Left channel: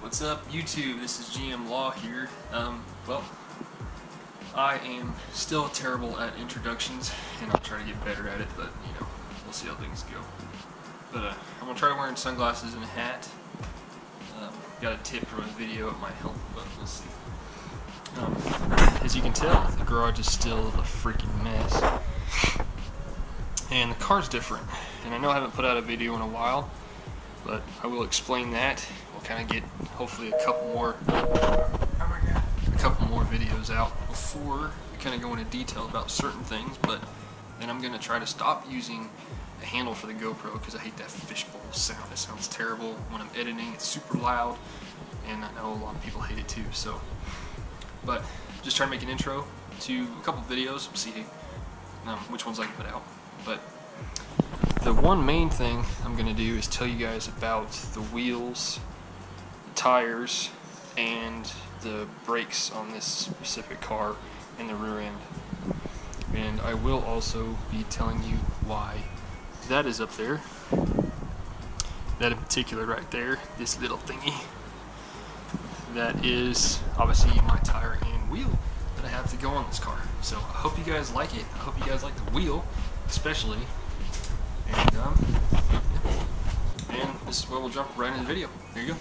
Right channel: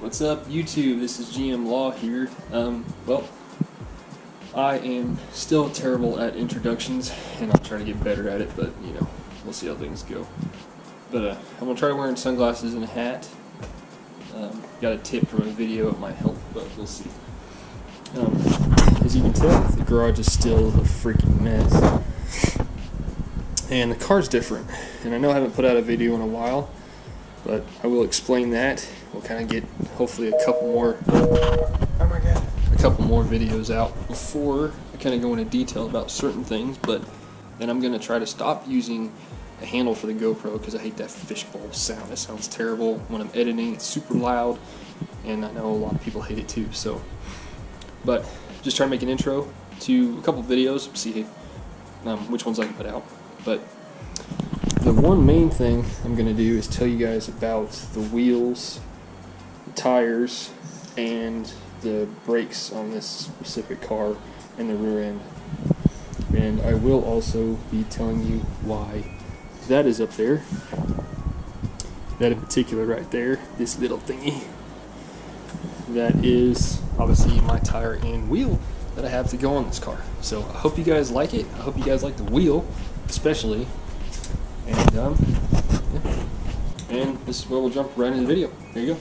What's up, YouTube? This is GM Law here. Well, I am still terrible at introductions, and I'll try to get better at it, but, you know, we'll see how things go. But I'm going to try wearing sunglasses and a hat. Got a tip from a video, it might help, but we'll see. As you can tell, the garage is still a freaking mess. And the car's different. And I know I haven't put out a video in a while, but I will explain that. We'll kind of get, hopefully, a couple more videos out before I kind of go into detail about certain things. But then I'm going to try to stop using a handle for the GoPro because I hate that fishbowl sound. It sounds terrible when I'm editing. It's super loud, and I know a lot of people hate it too. So, but just try to make an intro to a couple videos, see which ones I can put out. But the one main thing I'm going to do is tell you guys about the wheels, the tires, and the brakes on this specific car and the rear end. And I will also be telling you why that is up there. That in particular right there, this little thingy, that is obviously my tire and wheel that I have to go on this car. So I hope you guys like it. I hope you guys like the wheel, especially. And yeah. And this is where we'll jump right into the video. There you go.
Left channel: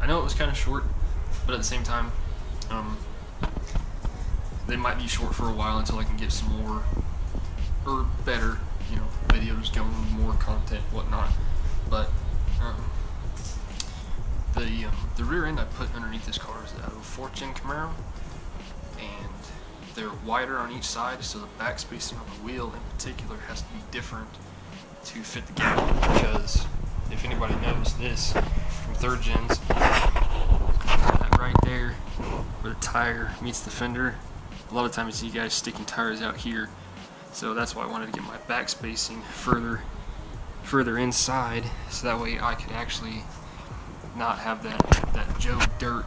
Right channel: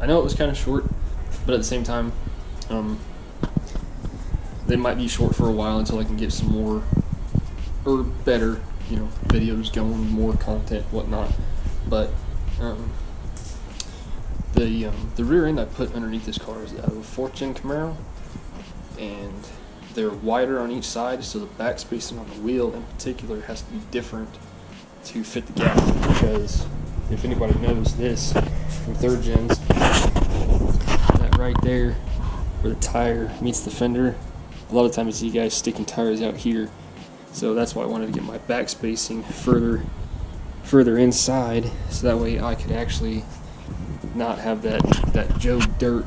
I know it was kind of short, but at the same time, they might be short for a while until I can get some more, or better, you know, videos going, more content, whatnot. But the rear end I put underneath this car is out of a 4th gen Camaro, and they're wider on each side, so the back spacing on the wheel in particular has to be different to fit the gap. Because if anybody knows this from 3rd gens, that right there where the tire meets the fender, a lot of times you see guys sticking tires out here. So that's why I wanted to get my back spacing further inside, so that way I could actually not have that Joe Dirt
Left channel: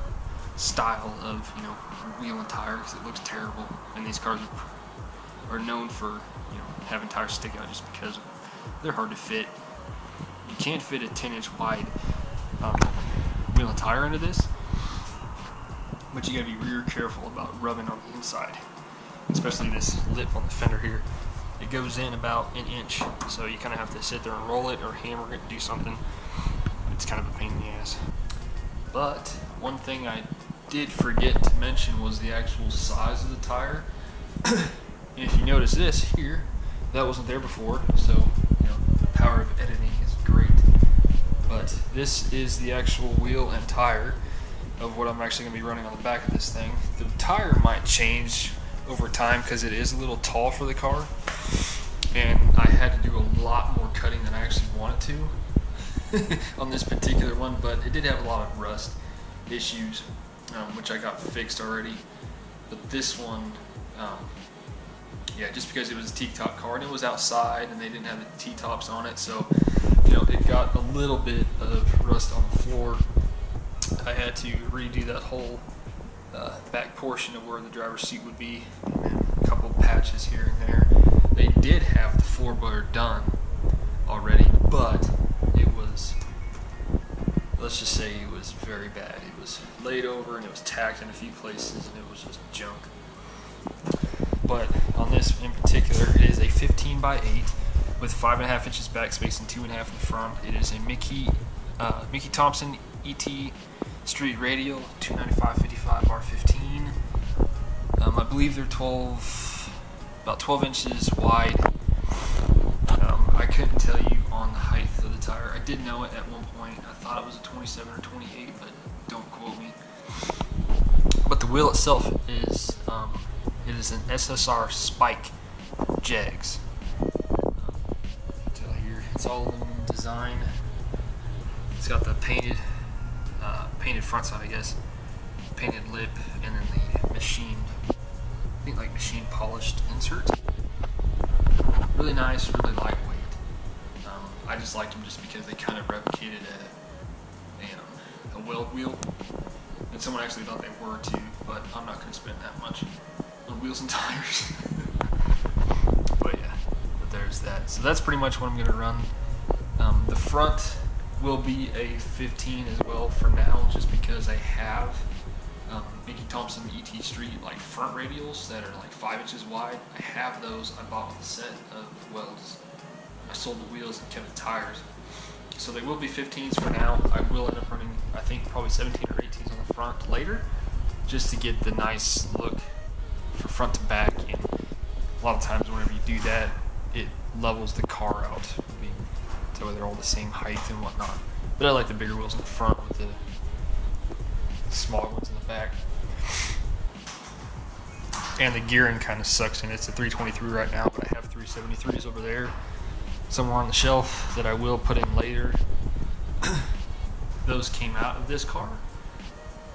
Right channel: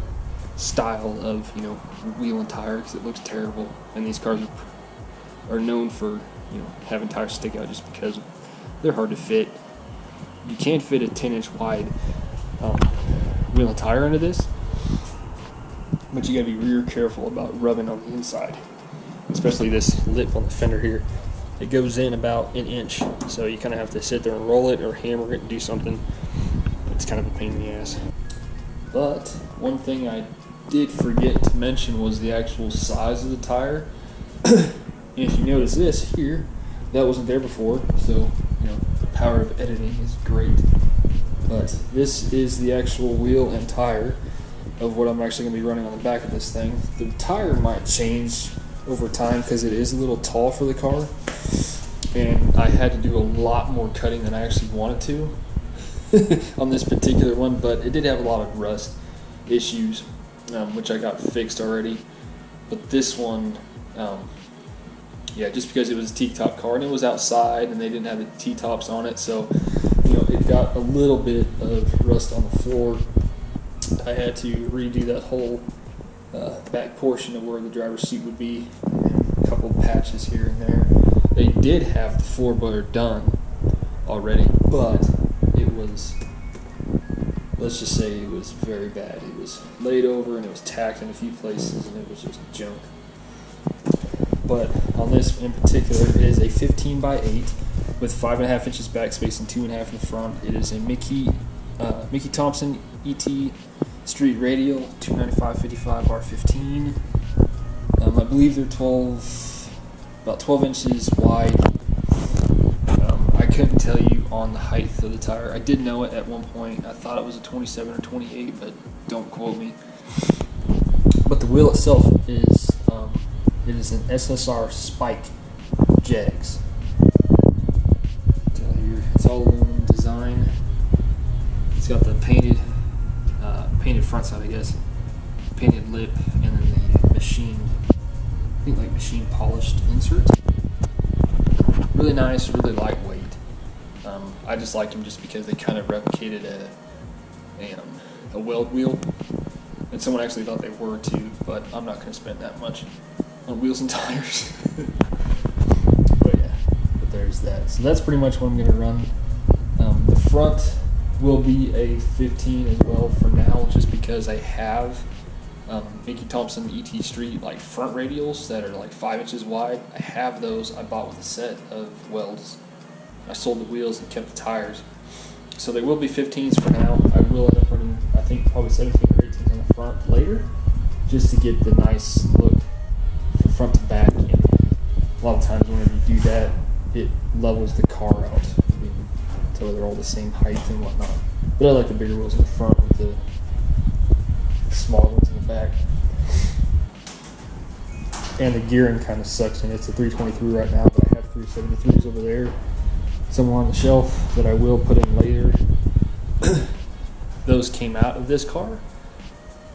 style of, you know, wheel and tire, because it looks terrible. And these cars are known for, you know, having tires stick out just because they're hard to fit. You can't fit a 10-inch wide wheel and tire into this, but you gotta be real careful about rubbing on the inside, especially this lip on the fender here. It goes in about an inch, so you kind of have to sit there and roll it or hammer it and do something. It's kind of a pain in the ass. But one thing I did forget to mention was the actual size of the tire. And if you notice this here, that wasn't there before, so you know, the power of editing is great. But this is the actual wheel and tire of what I'm actually going to be running on the back of this thing. The tire might change over time because it is a little tall for the car, and I had to do a lot more cutting than I actually wanted to on this particular one, but it did have a lot of rust issues, which I got fixed already. But this one, yeah, just because it was a T-top car and it was outside and they didn't have the T-tops on it, so you know, it got a little bit of rust on the floor. I had to redo that whole back portion of where the driver's seat would be, and a couple patches here and there. They did have the floorboard done already, but it was, let's just say it was very bad. It was laid over and it was tacked in a few places and it was just junk. But on this in particular, it is a 15x8 with 5.5 inches back space and 2.5 in the front. It is a Mickey Thompson ET street radial, 295/55 R15. I believe they're about 12 inches wide. I couldn't tell you on the height of the tire. I did know it at one point. I thought it was a 27 or 28, but don't quote me. But the wheel itself is it is an SSR Spike Jegs. Tell here, it's all aluminum design. It's got the painted front side, I guess, painted lip, and then the machined, I think like machine polished insert. Really nice, really lightweight. I just liked them just because they kind of replicated a weld wheel, and someone actually thought they were too, but I'm not going to spend that much on wheels and tires. But yeah, but there's that. So that's pretty much what I'm going to run. The front will be a 15 as well for now, just because I have Mickey Thompson ET Street like front radials that are like 5 inches wide. I have those. I bought with a set of welds. I sold the wheels and kept the tires. So they will be 15s for now. I will end up running, I think, probably 17 or 18s on the front later, just to get the nice look from front to back. And a lot of times whenever you do that, it levels the car out, so they're all the same height and whatnot. But I like the bigger wheels in the front with the smaller ones in the back. And the gearing kind of sucks, and it's a 323 right now, but I have 373s over there somewhere on the shelf that I will put in later. Those came out of this car,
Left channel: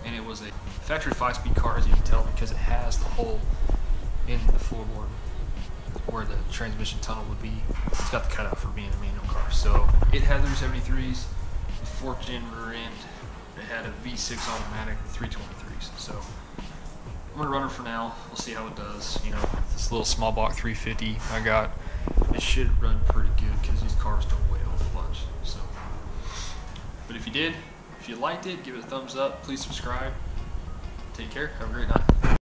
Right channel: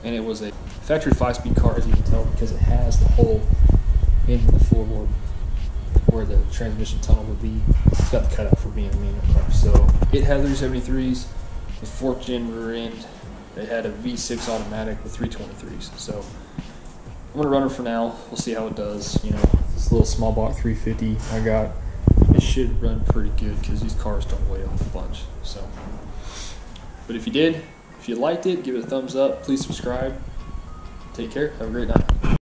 and it was a factory 5-speed car, as you can tell, because it has the hole in the floorboard where the transmission tunnel would be. It's got the cutout for being a manual car. So it had 373s with 4th gen rear end. It had a V6 automatic with 323s. So I'm gonna run it for now. We'll see how it does. You know, this little small block 350 I got, it should run pretty good because these cars don't weigh a whole bunch. So, but if you liked it, give it a thumbs up. Please subscribe. Take care. Have a great night.